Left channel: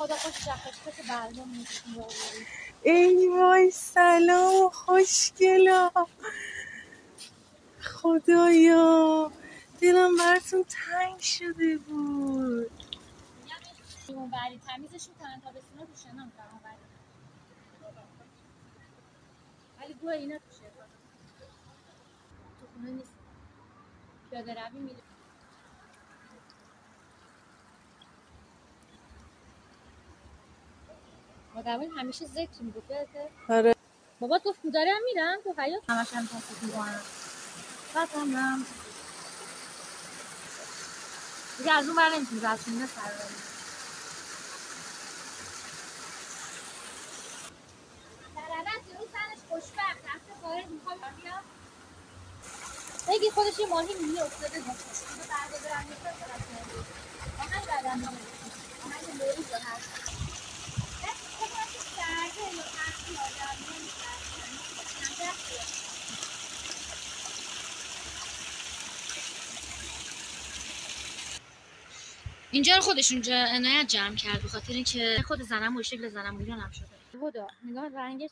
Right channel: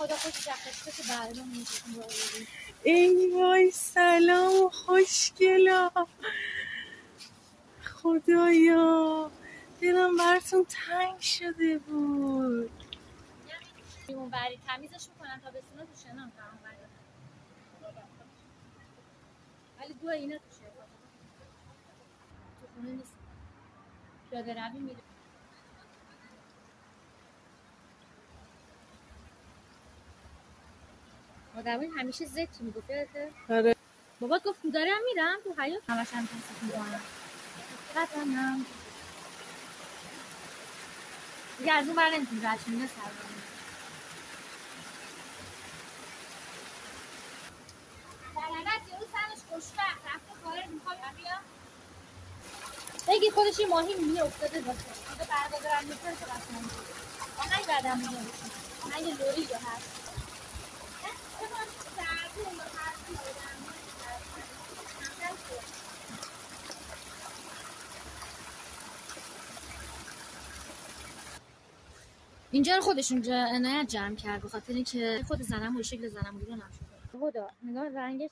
خدا خوش شخص برنامه می‌کنه. ای وای سلام خوشگلا، خدایا دلم براتون تنگ شده بود. اون بری تمیزش میکنن تا بسینا تو شنم تا اون بری، ولی دو اینا توشه تو خونه نیست. پیاده روی میره. مادرم همیشه ذکر میگفت یادته؟ آره بابات گفت دارم میرم تو حیاط همش هم تصدیق میکنم. قطعا دیگه از اون بر نمیتونی رد کنی. نه سر رو در یه روز سرش خوشبخت رفته خارج میخوام بیاد بگی خودش یه ماهی میلیه افتاده داشته دیگه فردا دارم میشه که رفت نگید آهنگ بعدم میگه آهنگ لوری جو هست خودم درده یا هرچی آدم اینجا رو خودشون عنایت جمع کرد به خاطر اینکه خود زنم و شکل زنم ایران هم شده. خدا نگاه رنگش